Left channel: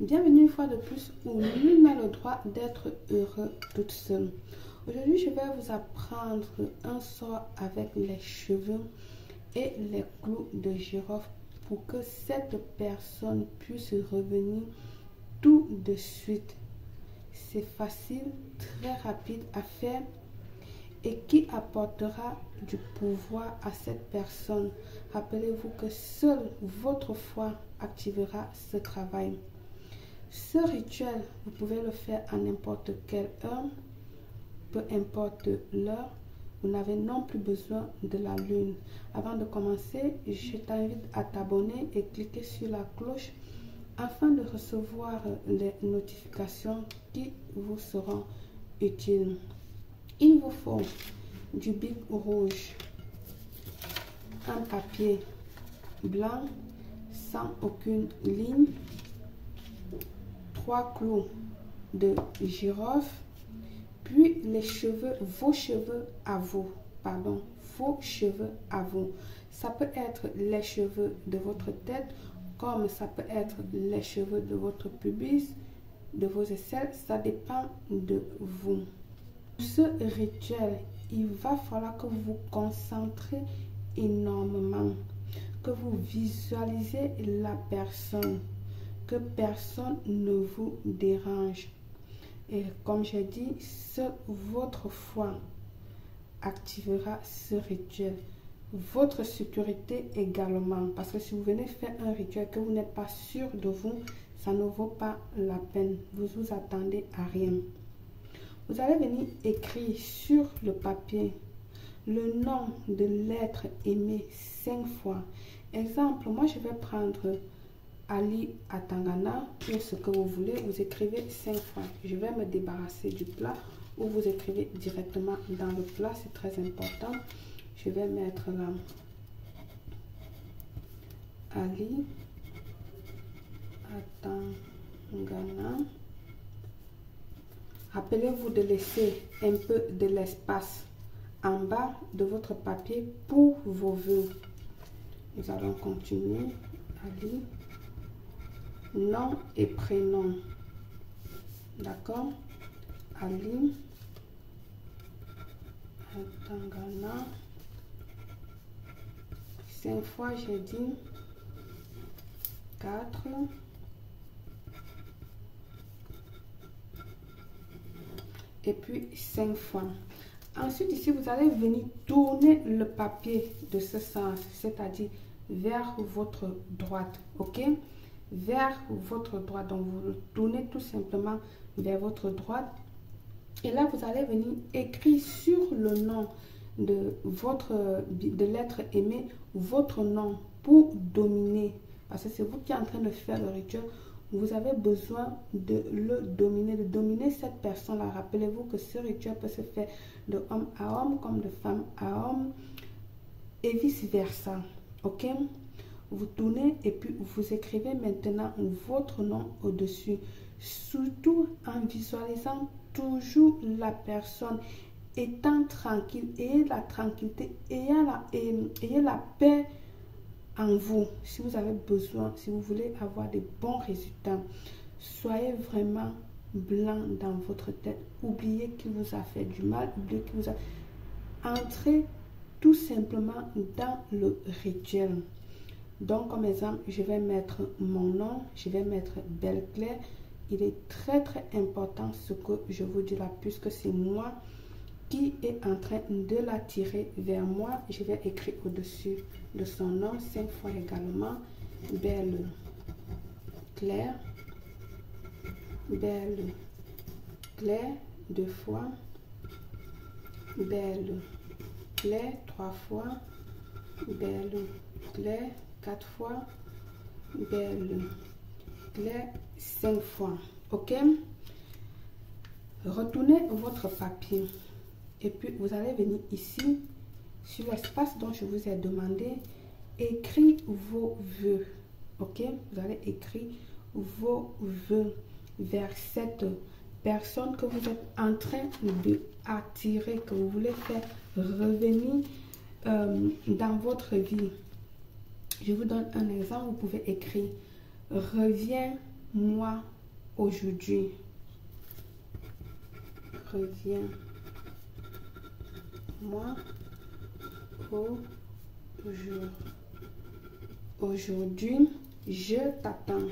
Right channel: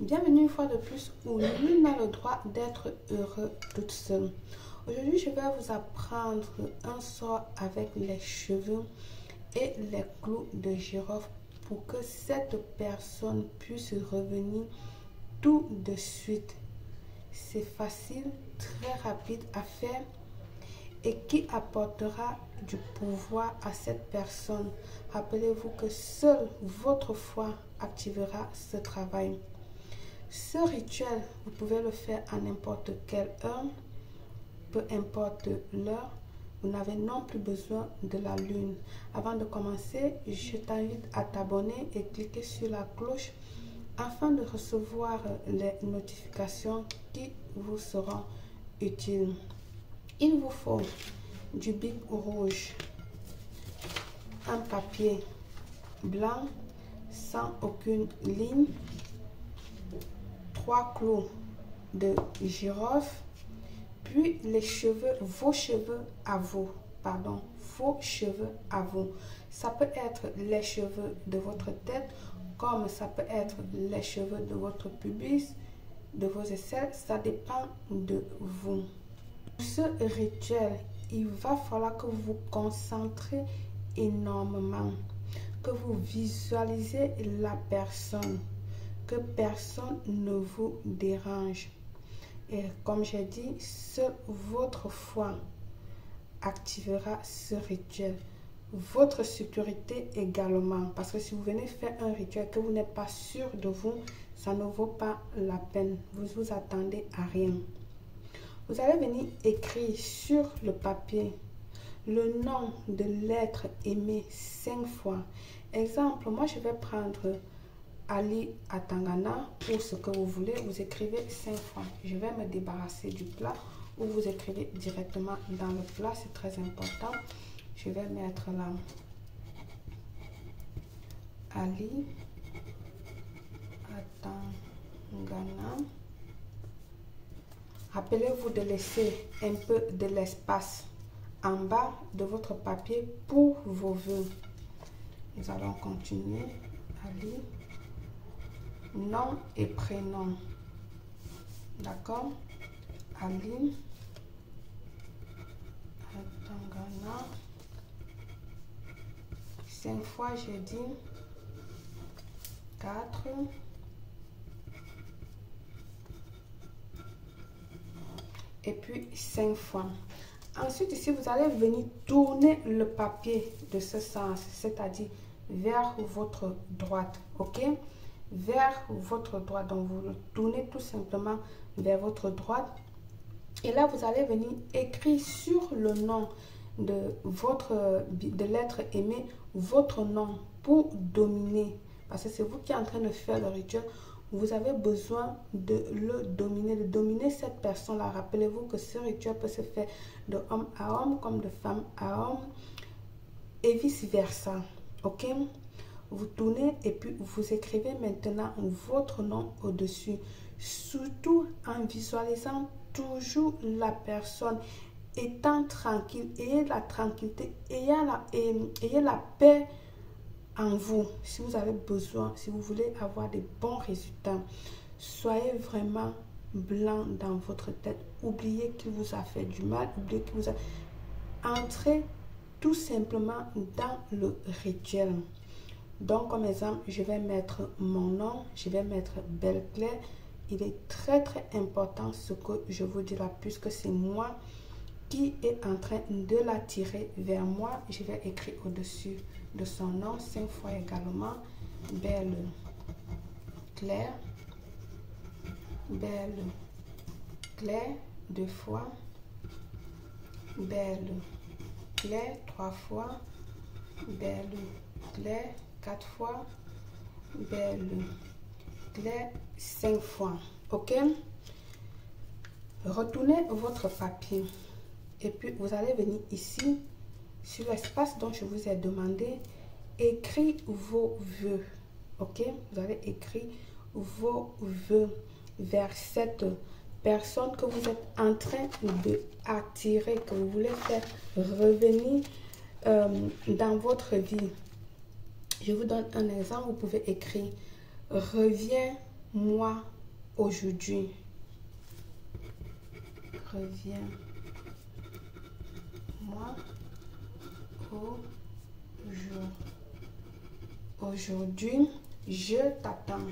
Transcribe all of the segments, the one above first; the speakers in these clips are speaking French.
Bienvenue une fois de plus où nul n'a le droit d'être heureux toute seule. Aujourd'hui, je vais vous apprendre un sort avec les cheveux et les clous de girofle pour que cette personne puisse revenir tout de suite. C'est facile, très rapide à faire et qui apportera du pouvoir à cette personne. Rappelez-vous que seule votre foi activera ce travail. Ce rituel, vous pouvez le faire à n'importe quelle heure, peu importe l'heure. Vous n'avez non plus besoin de la lune. Avant de commencer, je t'invite à t'abonner et cliquer sur la cloche afin de recevoir les notifications qui vous seront utiles. Il vous faut du bic rouge, un papier blanc sans aucune ligne, 3 clous de girofle, puis les cheveux, vos cheveux à vous, vos cheveux à vous. Ça peut être les cheveux de votre tête, comme ça peut être les cheveux de votre pubis, de vos aisselles, ça dépend de vous. Pour ce rituel, il va falloir que vous vous concentrez énormément, que vous visualisez la personne, que personne ne vous dérange. Et comme j'ai dit, seule votre foi activera ce rituel. Votre sécurité également. Parce que si vous venez faire un rituel que vous n'êtes pas sûr de vous, ça ne vaut pas la peine. Vous vous attendez à rien. Vous allez venir écrire sur le papier le nom de l'être aimé 5 fois. Exemple, moi je vais prendre Ali Atangana pour ce que vous voulez. Vous écrivez 5 fois. Je vais me débarrasser du plat ou vous écrivez directement dans le plat. C'est très important. Je vais mettre là Ali Atangana. Rappelez-vous de laisser un peu de l'espace en bas de votre papier pour vos vœux. Nous allons continuer. Ali, nom et prénom. D'accord? Ali Atangana. 5 fois, j'ai dit 4. Et puis 5 fois. Ensuite, ici, vous allez venir tourner le papier de ce sens, c'est-à-dire vers votre droite, ok? Vers votre droite. Donc, vous le tournez tout simplement vers votre droite. Et là, vous allez venir écrire sur le nom de l'être aimé, votre nom pour dominer. Parce que c'est vous qui êtes en train de faire le rituel. Vous avez besoin de le dominer, de dominer cette personne-là. Rappelez-vous que ce rituel peut se faire de homme à homme comme de femme à homme et vice-versa. Ok? Vous tournez et puis vous écrivez maintenant votre nom au-dessus. Surtout en visualisant toujours la personne étant tranquille. Ayez la tranquillité, ayez la paix en vous. Si vous avez besoin, si vous voulez avoir des bons résultats, soyez vraiment blanc dans votre tête. Oubliez qu'il vous a fait du mal, oubliez qu'il vous a... Entrez tout simplement dans le rituel. Donc, comme exemple, je vais mettre mon nom, je vais mettre Belle Claire. Il est très important ce que je vous dis là, puisque c'est moi qui est en train de l'attirer vers moi. Je vais écrire au-dessus de son nom 5 fois également. Belle Claire. Belle Claire 2 fois. Belle Claire 3 fois. Belle Claire 4 fois. Belle Claire 5 fois. Ok? Retournez votre papier. Et puis, vous allez venir ici, sur l'espace dont je vous ai demandé, écrire vos vœux. Ok? Vous allez écrire vos vœux vers cette personne que vous êtes en train d'attirer, que vous voulez faire revenir dans votre vie. Je vous donne un exemple. Vous pouvez écrire « Reviens moi aujourd'hui. Reviens-moi aujourd'hui. Je t'attends.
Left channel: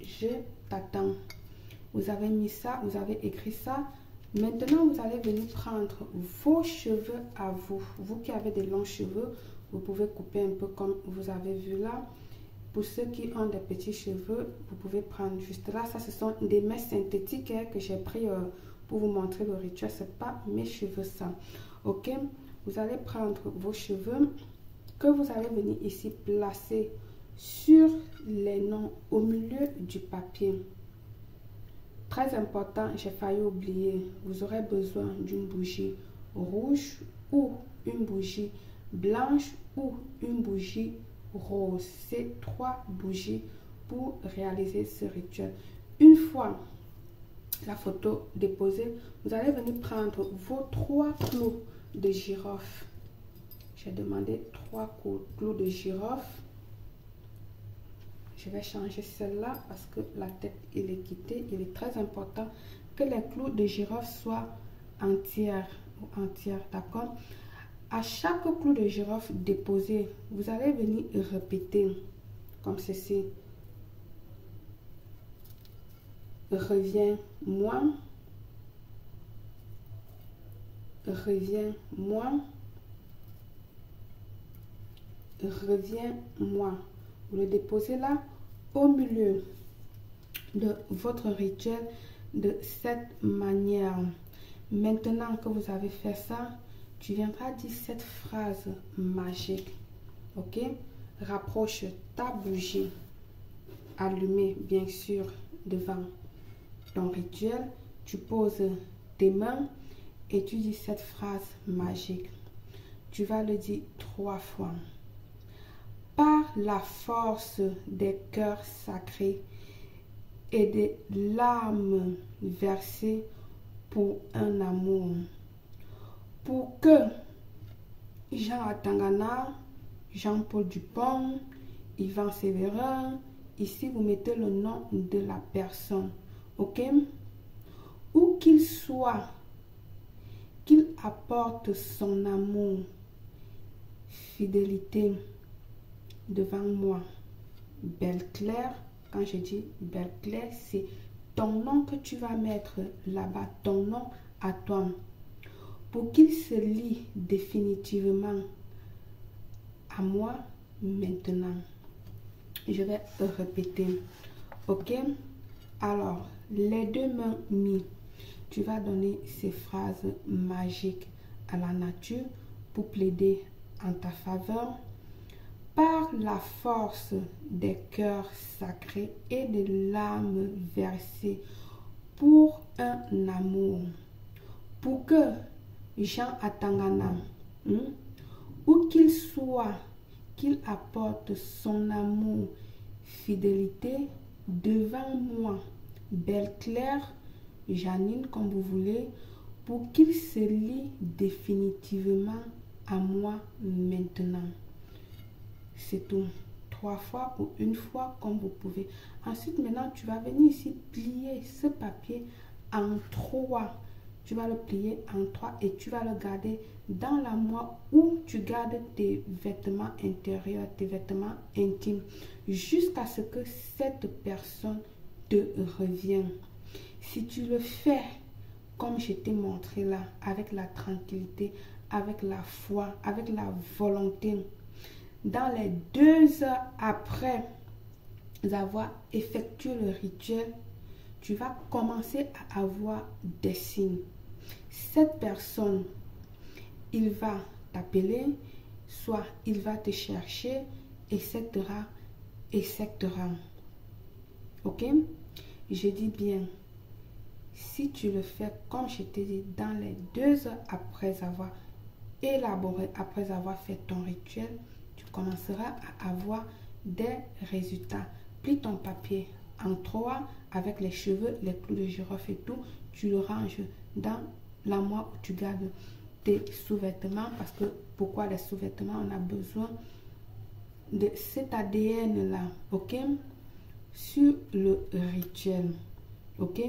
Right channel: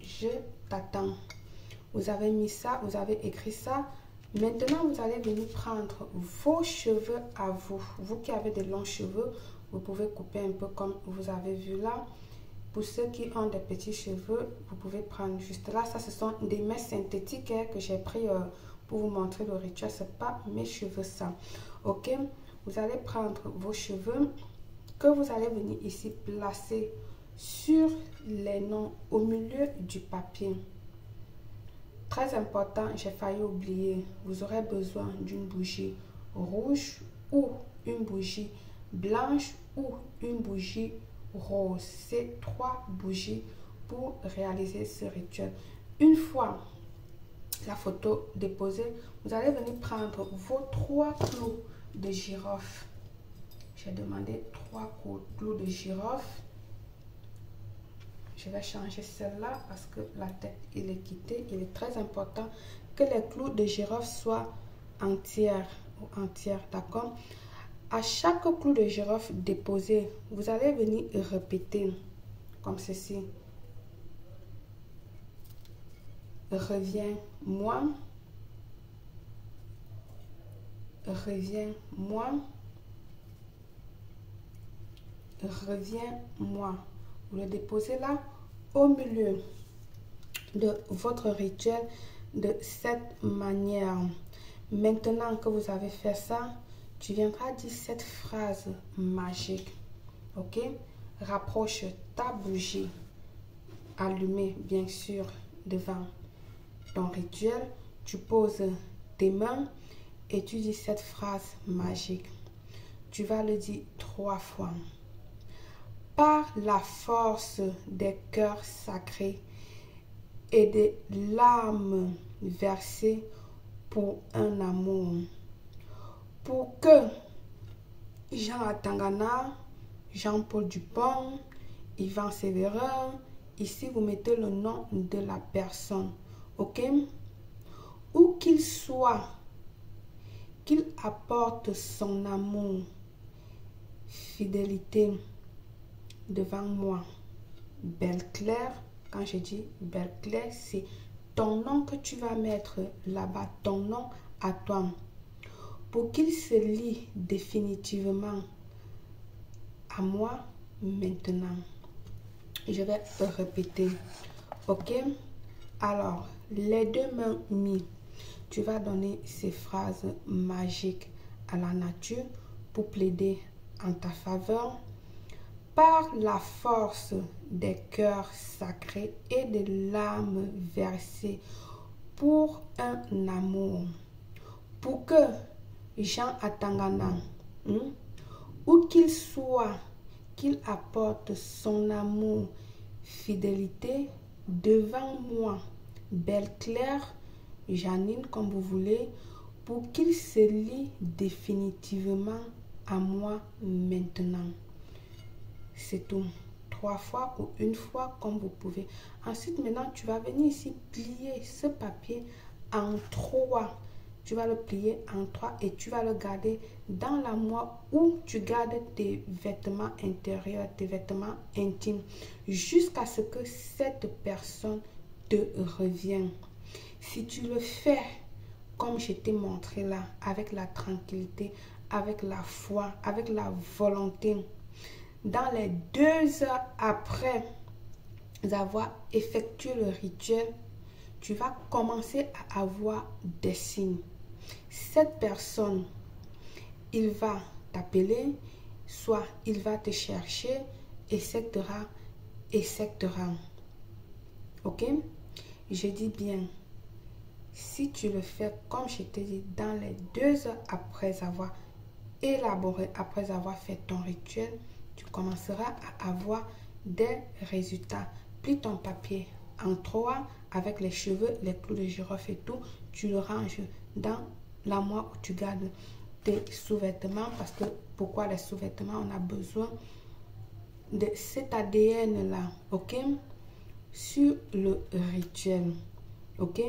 Je t'attends. Vous avez mis ça, vous avez écrit ça. Maintenant, vous allez venir prendre vos cheveux à vous. Vous qui avez des longs cheveux, vous pouvez couper un peu comme vous avez vu là. Pour ceux qui ont des petits cheveux, vous pouvez prendre juste là. Ça, ce sont des mèches synthétiques que j'ai pris pour vous montrer le rituel. Ce n'est pas mes cheveux ça. Ok? Vous allez prendre vos cheveux que vous allez venir ici placer sur les noms au milieu du papier. Très important, j'ai failli oublier. Vous aurez besoin d'une bougie rouge ou une bougie blanche ou une bougie rose. C'est 3 bougies pour réaliser ce rituel. Une fois la photo déposée, vous allez venir prendre vos 3 clous de girofle. J'ai demandé 3 clous de girofle. Je vais changer celle-là parce que la tête il est quittée. Il est très important que les clous de girofle soient entières. D'accord? À chaque clou de girofle déposé, vous allez venir répéter comme ceci. Reviens-moi. Reviens-moi. Reviens-moi. Vous le déposez là au milieu de votre rituel de cette manière. Maintenant que vous avez fait ça, tu viendras dire cette phrase magique. Ok? Rapproche ta bougie allumée, bien sûr, devant ton rituel. Tu poses tes mains et tu dis cette phrase magique. Tu vas le dire 3 fois. Par la force des cœurs sacrés et des larmes versées pour un amour. Pour que Jean Atangana, Jean-Paul Dupont, Yvan Sévérin, ici vous mettez le nom de la personne, ok? Où qu'il soit, qu'il apporte son amour, fidélité devant moi. Belle Claire, quand je dis Belle Claire, c'est ton nom que tu vas mettre là-bas, ton nom à toi. Pour qu'il se lie définitivement à moi maintenant. Je vais répéter. Ok? Alors, les 2 mains mises, tu vas donner ces phrases magiques à la nature pour plaider en ta faveur. Par la force des cœurs sacrés et des larmes versées pour un amour. Pour que Jean Atangana, où qu'il soit, qu'il apporte son amour, fidélité devant moi, Belle Claire, Janine, comme vous voulez, pour qu'il se lie définitivement à moi maintenant. C'est tout. 3 fois ou 1 fois comme vous pouvez. Ensuite, maintenant, tu vas venir ici plier ce papier en 3. Tu vas le plier en 3 et tu vas le garder dans l'armoire où tu gardes tes vêtements intérieurs, tes vêtements intimes, jusqu'à ce que cette personne te revienne. Si tu le fais comme je t'ai montré là, avec la tranquillité, avec la foi, avec la volonté, dans les 2 heures après avoir effectué le rituel, tu vas commencer à avoir des signes. Cette personne, il va t'appeler, soit il va te chercher, etc. Ok? Je dis bien, si tu le fais comme je t'ai dit, dans les 2 heures après avoir élaboré, après avoir fait ton rituel, tu commenceras à avoir des résultats. Plie ton papier en 3 avec les cheveux, les clous de girofle et tout. Tu le ranges dans l'armoire où tu gardes tes sous-vêtements. Parce que pourquoi les sous-vêtements? On a besoin de cet ADN là, ok, sur le rituel, ok.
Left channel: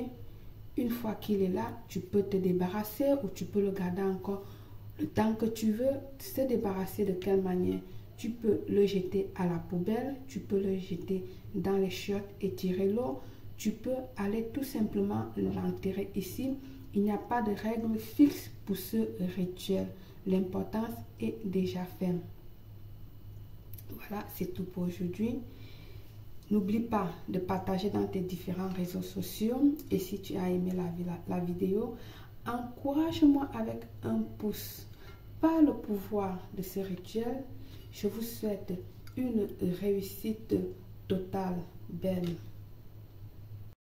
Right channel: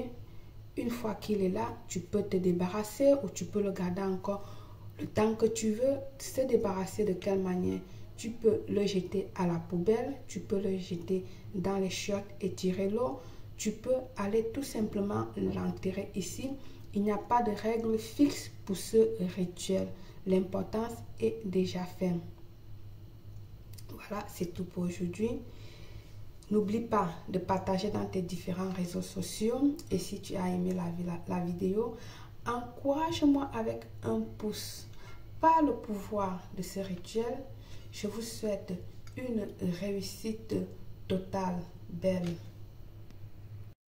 Une fois qu'il est là, tu peux te débarrasser ou tu peux le garder encore le temps que tu veux. Se débarrasser de quelle manière? Tu peux le jeter à la poubelle, tu peux le jeter dans les chiottes et tirer l'eau. Tu peux aller tout simplement l'enterrer ici. Il n'y a pas de règle fixe pour ce rituel. L'importance est déjà faite. Voilà, c'est tout pour aujourd'hui. N'oublie pas de partager dans tes différents réseaux sociaux. Et si tu as aimé la vidéo, encourage-moi avec un pouce. Par le pouvoir de ce rituel, je vous souhaite une réussite totale, belle.